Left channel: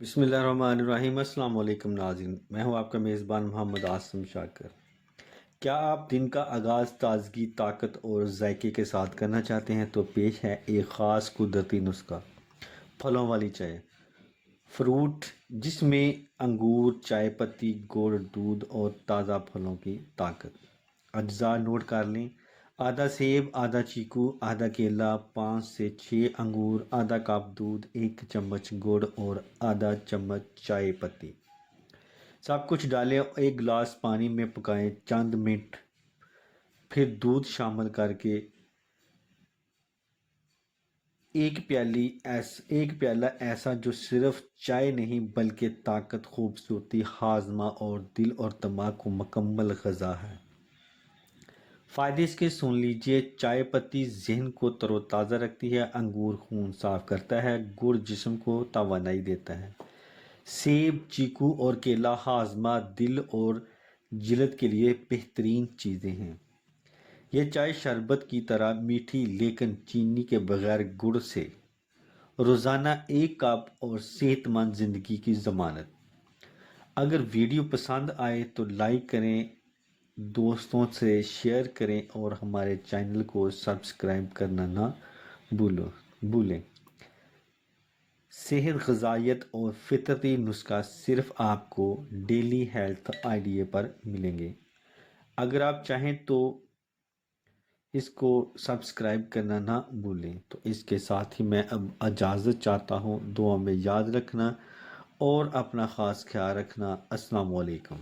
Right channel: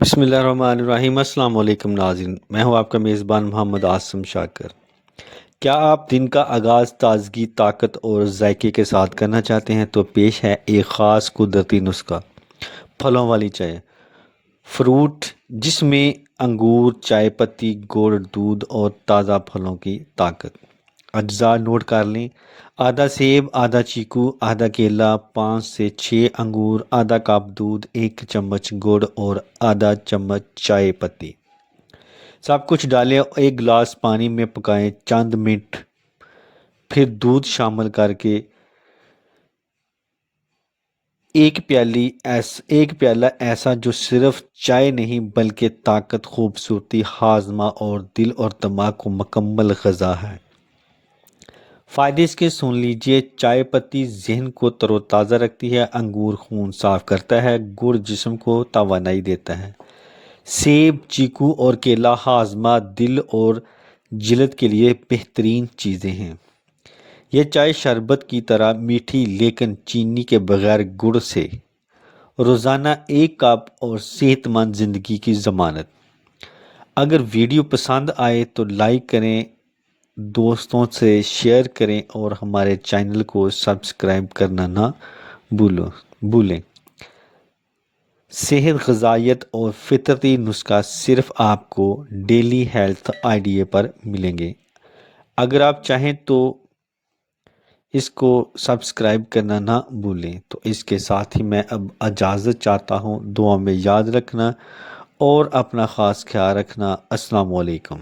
بسم اللہ الرحمن الرحیم۔ السلام علیکم ناظرین، میں ہوں آپ کا میزبان محمد عاصم شاکر۔ کیا آپ دن کا آغاز تازگی، طاقت اور ذائقے کے ساتھ کرنا چاہتے ہیں؟ تو پیش ہے ایک خاص قدرتی نسخہ، پھلوں والی چائے۔ فروٹ جس میں انگور، چائے پتی، گڑ، دودھ اور تازہ پھلوں کی طاقت۔ اجزاء نوٹ کر لیں: آدھا سیب، آدھا چیکو، آدھا کیلا، 5 سے 6 انگور، آدھا کپ دودھ، 1 چمچ گڑ اور آدھا چمچ چائے پتی۔ سب کچھ ڈالیں، ایک گلاس پانی میں پکائیں چند منٹ، پھر دودھ شامل کر کے ایک پیالہ ایسا جو صرف چائے نہیں بلکہ طاقت، خوبصورتی، ہاضمہ اور دل اور دماغ کو مکمل غذا ہے۔ فائدے اس کے سن لیجئے: چائے پتی ذہن کو تر و تازہ رکھتی ہے، انگور خون صاف کرتا ہے، گڑ جسم کو توانائی دیتا ہے، سیب، چیکو اور کیلا ہاضمہ، دل اور جلد کے لیے بہترین چیزیں ہیں۔ یہ چائے شربت کی طرح میٹھی لیکن چینی کے بغیر گڑ سے۔ روزانہ 1 کپ اور صحت مند زندگی کی ضمانت۔ اگر ویڈیو پسند آئے تو لائک کریں، دوستوں سے شیئر کریں اور ہمارے چینل کو سبسکرائب کرنا نہ بھولیں۔ صحت، غذائیت اور فطرتی نسخہ صرف آپ کو ڈیلی ہیلتھ آئیڈیا پر ملیں گے۔ اگر آپ چاہیں تو اس کو سبسکرائب کرنا نہ بھولیں۔ تو اس کے ساتھ ہی میں اب اجازت چاہتا ہوں۔ دعا میں یاد رکھنا اور اپنا خاص خیال رکھنا۔ السلام علیکم۔